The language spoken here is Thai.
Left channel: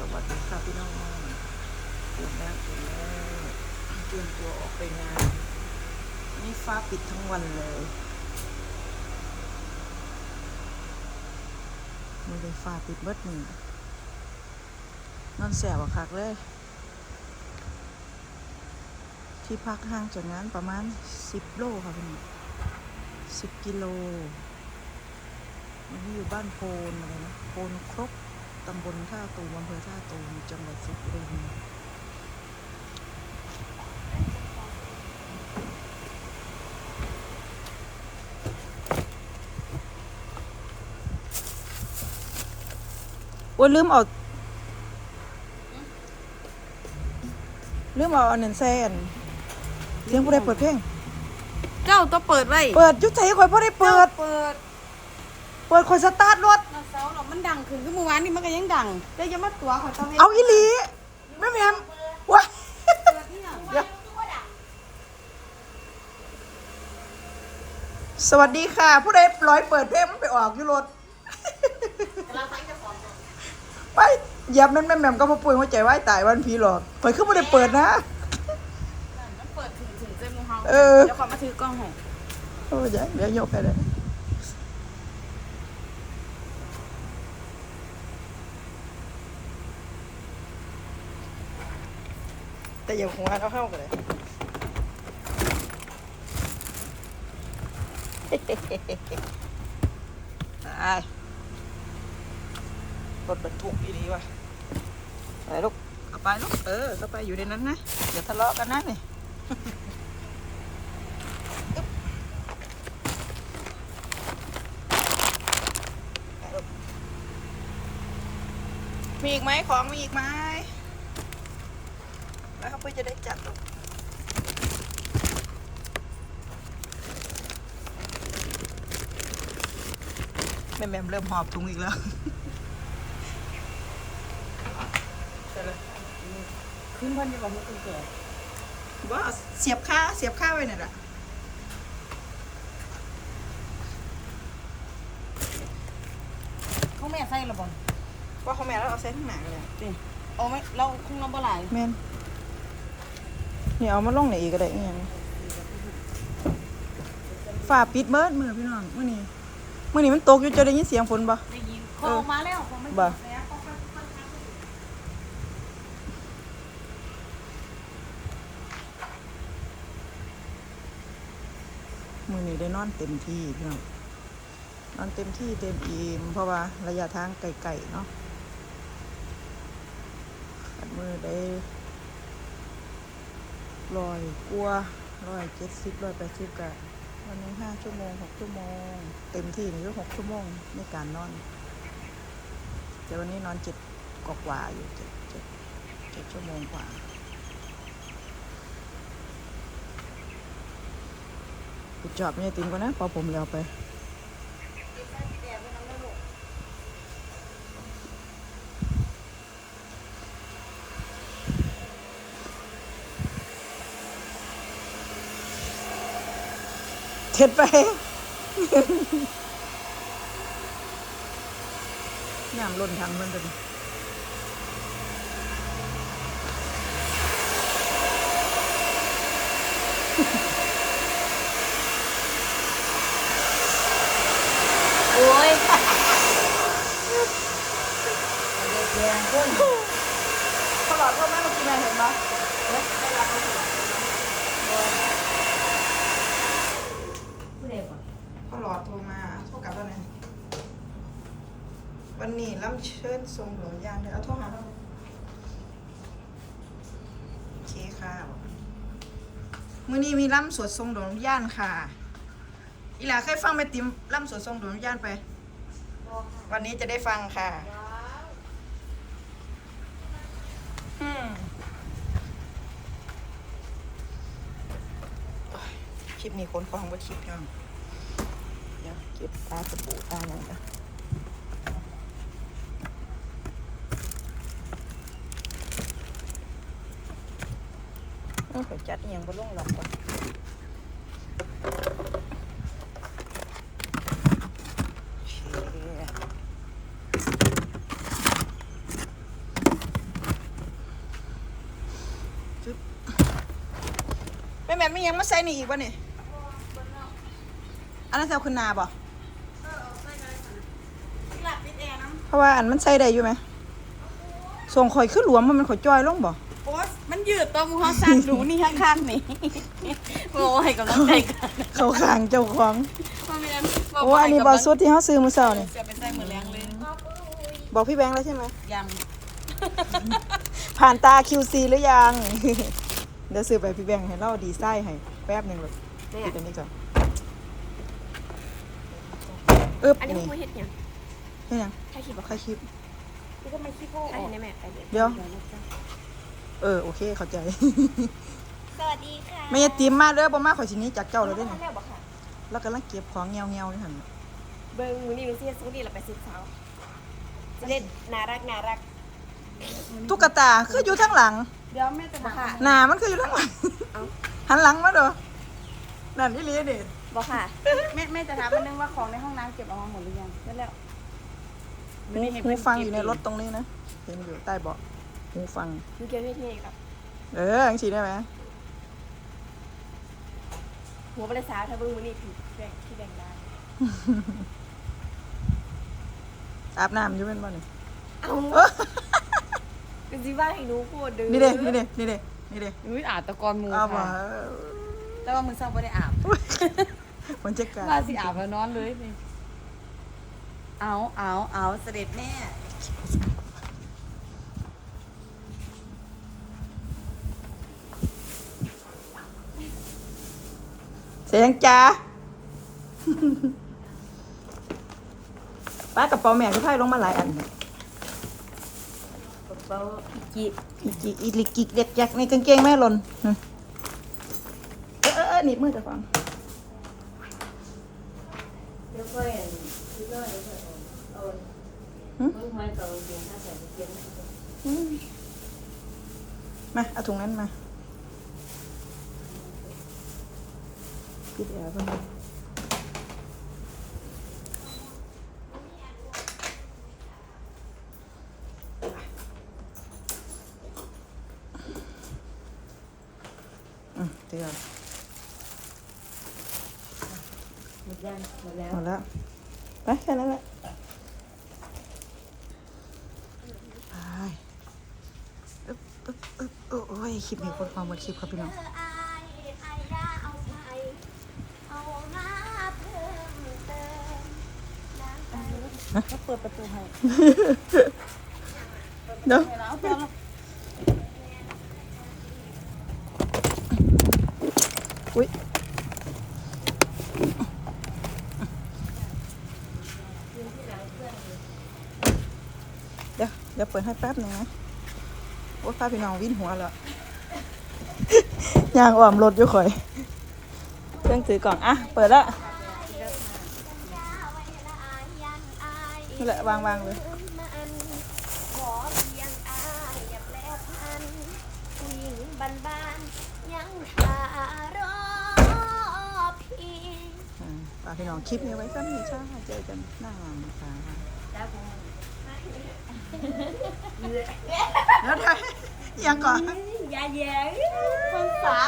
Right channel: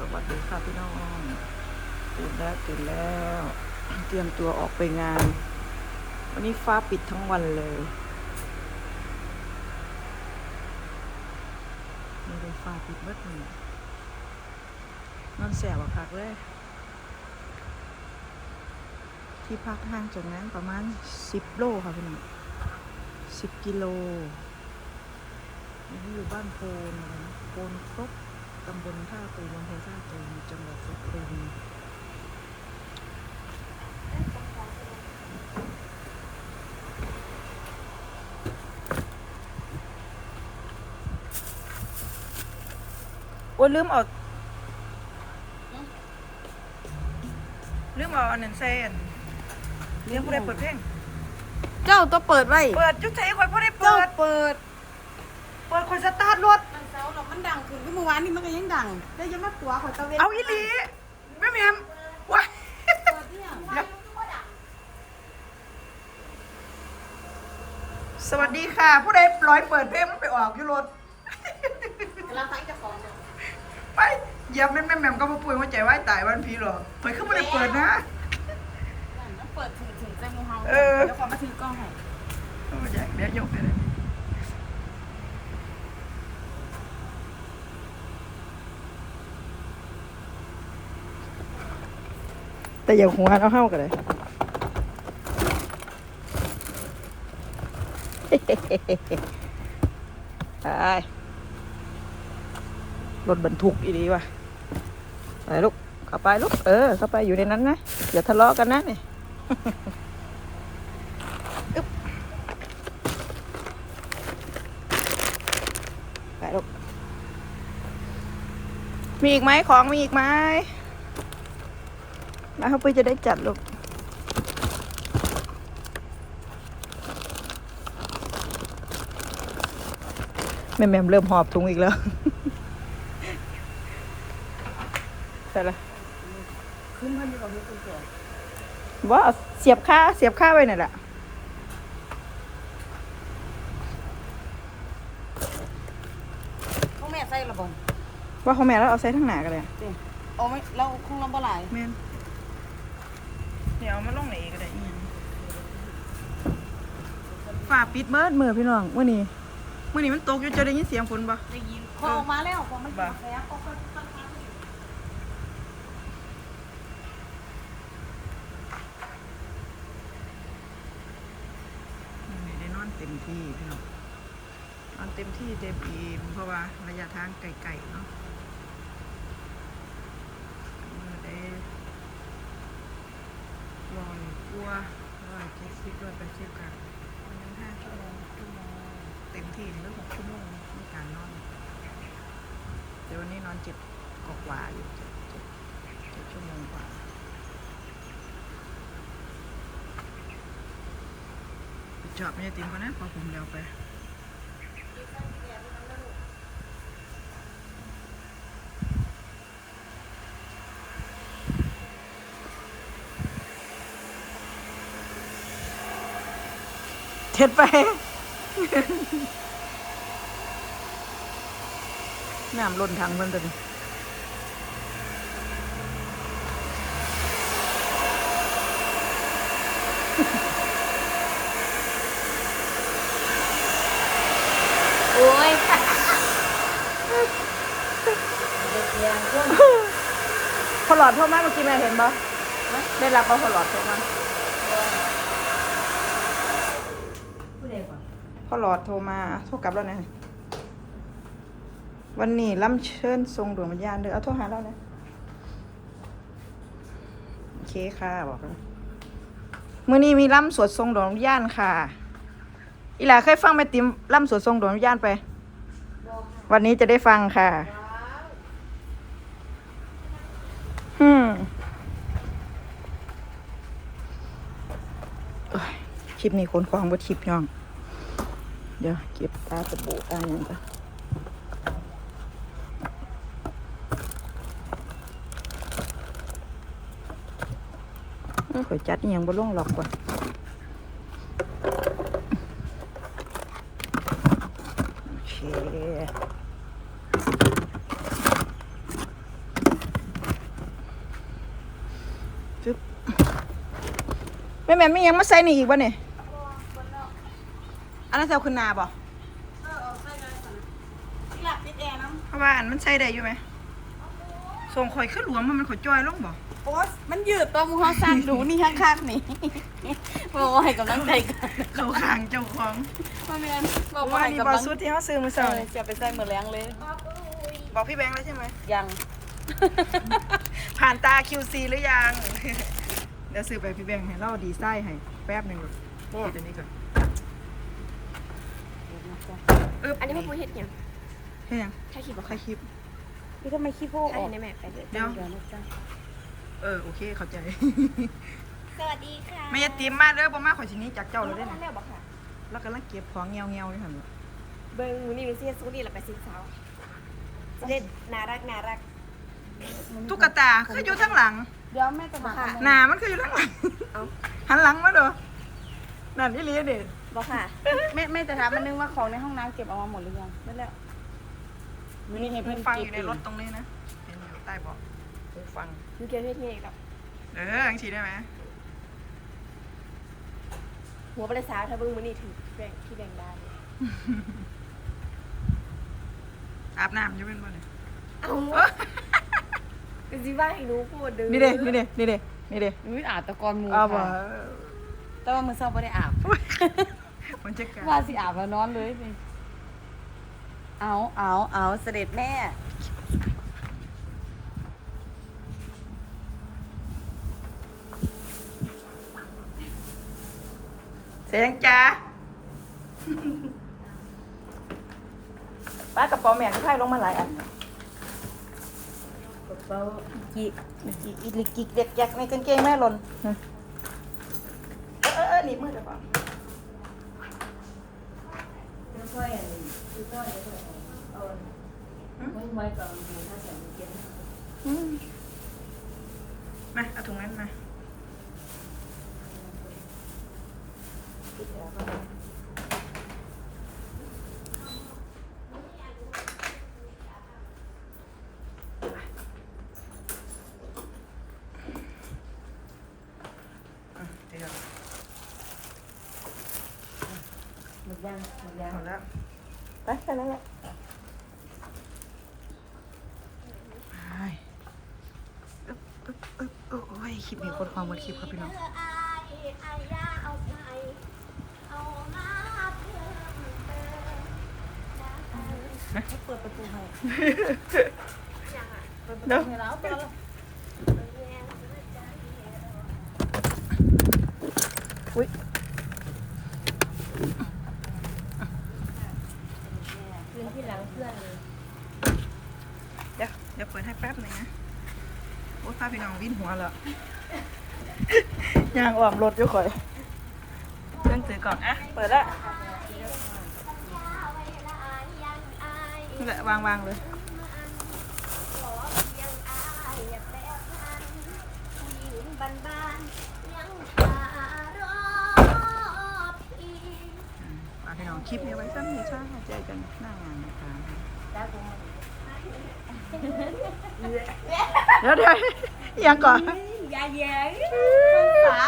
สวัสดีค่ะพี่น้องตื่นแล้วตื่นแล้ว เตรียมตัวออกไปงาน วันนี้ฟ้าปิดทั้งวันเลยไม่ได้ฟ้าปิดเบิดมือนอนแสบอะคักเลย ที่พักห่างจากงานประมาณ10โลค่ะพี่น้อง10กิโลวันนี้อยู่บ้านโพนอะไรนะโพนครบ ตำบลท่าตูมอำเภอท่าตูมจังหวัดสุรินทร์ว่าลืมเอาลืมเอาอันนั้นแซนเลี้ยงกูได้เปิดเพลง เจ้าต้องเปิดไว้ เปิดยุทธใจคอยพ่อได้เปิด เปิด เปิดคอยสตาร์ทรถ มันเสาหรอกมันดังขึ้นเมื่อวานนี่มันก็ยังดังได้ยังมาตัวเขาตะเวนเอาอีหลีแม่แม่มว้าเดี๋ยวสวัสดีค่ะ ผู้ใดร้อยเปิดเพลงมันไปออกอยู่รถเราใส่จะของไปเหยียบแม่นแม่แม่มก็มาป่วยหัวใจวายตายวันพีหรอกเปิดขึ้นไม่ได้เปิดนะมันเปิดถึงถึงเจ้ามูเฮาเออเดี๋ยวขอมาถือกล้องหน่อยโอ้ยเดี๋ยวโยกไปเลย แต่อย่าหัวเอาเข้ากันเลยไปรถบรรทุกอีดีว่ะไปลูกเข้าไปลูก เออ เข้าไปอยู่ในนั้นนะ อย่าทะเลาะกันนะนี่ไปลูกมีอีกไหมของมีอีกไหม มาเขาไปจะได้จัดลูกแม่แม่มเริ่มหอบถุงอีกแล้วใช่ละขึ้นบ้านดีกว่าที่คุณเกิดว่าเอาเสียบค่าเสียบค่าไว้หน่อยละเขาแม่ใส่ระบอนว่าของแม่แล้วเอาใส่ทั้งหนากันเลยนี่เอาไหมเราคงเราบ่หลายแม่น นี่เอามาลงไหนอีกก็ได้เนี่ยฝ่าปิดเมิดมือพี่น้องเมื่อนี้เมื่อนี้มันตกอยู่จะได้ยินเสียงฝนปะได้ยินพอออกมาแล้วพอไม่บ่กินแล้วก็ก็ก็มือนี้ได้นอนเต็มที่พี่น้องนอนเต็มที่เต็มอิ่มเพราะว่าระยะทางไกลๆเนาะมือได้ ลอยกลัวร้อยเจ็ดสิบร้อยแปดสิบกันวันนี้ห้าชั่วโมงหกชั่วโมง เต็มที่นี่ก็หกชั่วโมงในการนอน แต่วันนี้นอนเจ็ดกว่าอยู่เจ็ดเจ็ดเจ็ดชั่วโมงกว่าปิดจอบไม่ได้ติมก่อนนะพอผมยาวไป เท็ดไป น้ำล้นถังมันตัวนี้โอ้ยเสียงคนพอหลอดเท่านั้นเมื่อกี้แม่เห็นไหมได้รับเอาพอหลอดเท่านั้น ผู้ใดก่อน พ่อหลอดโทรมาโทรกลับแล้วนะวันนี้ล่ำเชิญทรงดวงวิญญาณเด้อเอาโทรหาเราเลยโอเคค่ะบอกกันมื่อนี้มีล่ำสวดทรงดวงวิญญาณค่ะ อีหล่าเคยฟังแม่ติ๋มล่ำสวดทรงดวงวิญญาณไป วันนี้จะได้ฟังค่ะอืมคลิปนี้คนควางบทคลิปน้องี๋ยวเก็บตาจะปูตาอย่างนี้ก็จัดยังบ่ลงหลอกว่าแม่แม่ไม่ยังมาใส่นี่อีกวะเนี่ย อันนั้นเซลขึ้นหนาบ่เออเอาใส่เลยที่หลับปิดแอร์นะเพราะว่าอันมันใส่ได้อยู่ไหมส่งข่อยขึ้นหลวมมันมันข่อยจอยลงบ่โอ๊ยมันยืดตัวมือเขาสั่นหนูนี่ข้างๆนี่โอ้ให้กำลังใจกันเขาขางเจ้าของมาแม่นโอ้อันนี้บอสุดที่เขาซื้อมือเช้านี่จะไปใส่มือแรงเลย บอกพี่แบงค์แล้วใช่ไหมยัง ผ่านตา QC หรือยัง เดี๋ยวซื้อไปพี่แบงค์ให้เราดีไซน์ให้แป๊บหนึ่งหรอกแม่ปิดอันนี้ก่อน อึ๊บอันนี้พวกมึงเห็ดหยังเฮ็ดยังถ่ายคลิปบอกใครคลิปพี่ก็ไม่ขี้โพกถ่ายเห็นได้แม่ไปเลยเดี๋ยว เออโอเคเข้าใจ สวัสดีค่ะไม่ยติมมาเด้อบ่มาข่อยสิหนี้จากเจ้าเลยเด้เด้อแม่บอกค่ะ แล้วกำลังเก็บของเงียวเงียวๆนี่หั่นน่ะเบิ้งมือนี่มือเสียสู้นี่เราไปซื้อเช้าจะเล่นน่ารักน่ารักตุ๊กตาคืออยู่ทั้งหลัง เดี๋ยวแม่จะบอกค่ะหน้ามันคืออยู่ทั้งหลัง เอ้าหันหลังมาเด้อ นั่นอีหลีเด็ดบอกค่ะ แม่แม่จะถามมันนึงว่าของในห้องน้ำเก็บออกมาหมดหรือยังไม่แล้วมีหูฟังอยู่ในรถตรงนี้นะ เห็นอยู่ใต้เบาะหูฟังมึงเกี่ยวเฮ็ดยังไงกับ เออจังซี่ได้ไหมหัวบริษัทถ้าเบิ้งมือนี่ถือแบ่งที่แบ่งได้อาบน้ำอยู่เป็นบ่นี่เอ้าก็สิว่าให้หนูพูดเด้อนี่เด้นี่เด้นี่เด้นี่เด้อุ้ยอาบตะกอนหมูอ้าวบ่ค่ะ แต่ว่ามือเช้าไม่ได้อาบมันจะกาว่าสิอาบแล้วนอนเลยนี่เอาเอาเอาเสด็จแม่เสียงจ้าป้ากับเปาแม่พี่ไพ่ลงมาหลายอันกระเป๋าจีจิกอีลิกกิกเด็กยักในกางเกงแม่หล่น เออเออเออหนีบมือแต่ฟังค่อยๆน้อยๆเอาไม่ไม่ต้องดูถ้าใส่เย็นอืมมาเอาถุงนั้นมาอืมเดี๋ ยวหมดยังหมดแล้วหมดแล้วไปแค่นั้นแหละไปอึ๊บอึ๊บอึ๊บโอ้ยคลิปนี้คนความหมดคลิปครับพี่น้องเปิดประตูให้เนาะไม่แล้วเจอแล้วอุ้ย เดี๋ยวเดี๋ยวเปิดให้แป๊บนึงนะโอ้ยพาพี่น้องวิ่นหัวแล้วยางอ่อมรถอยู่ข่อยเครื่องถือกล่องอะเปิดแล้วนี่แหละวางวางเลยฝากพี่น้องคลิปนี้ไว้สั้นนี้ช่าเจอกันหน้างานนะคะ เดี๋ยวเดี๋ยวยังก่อนยาแย้งสา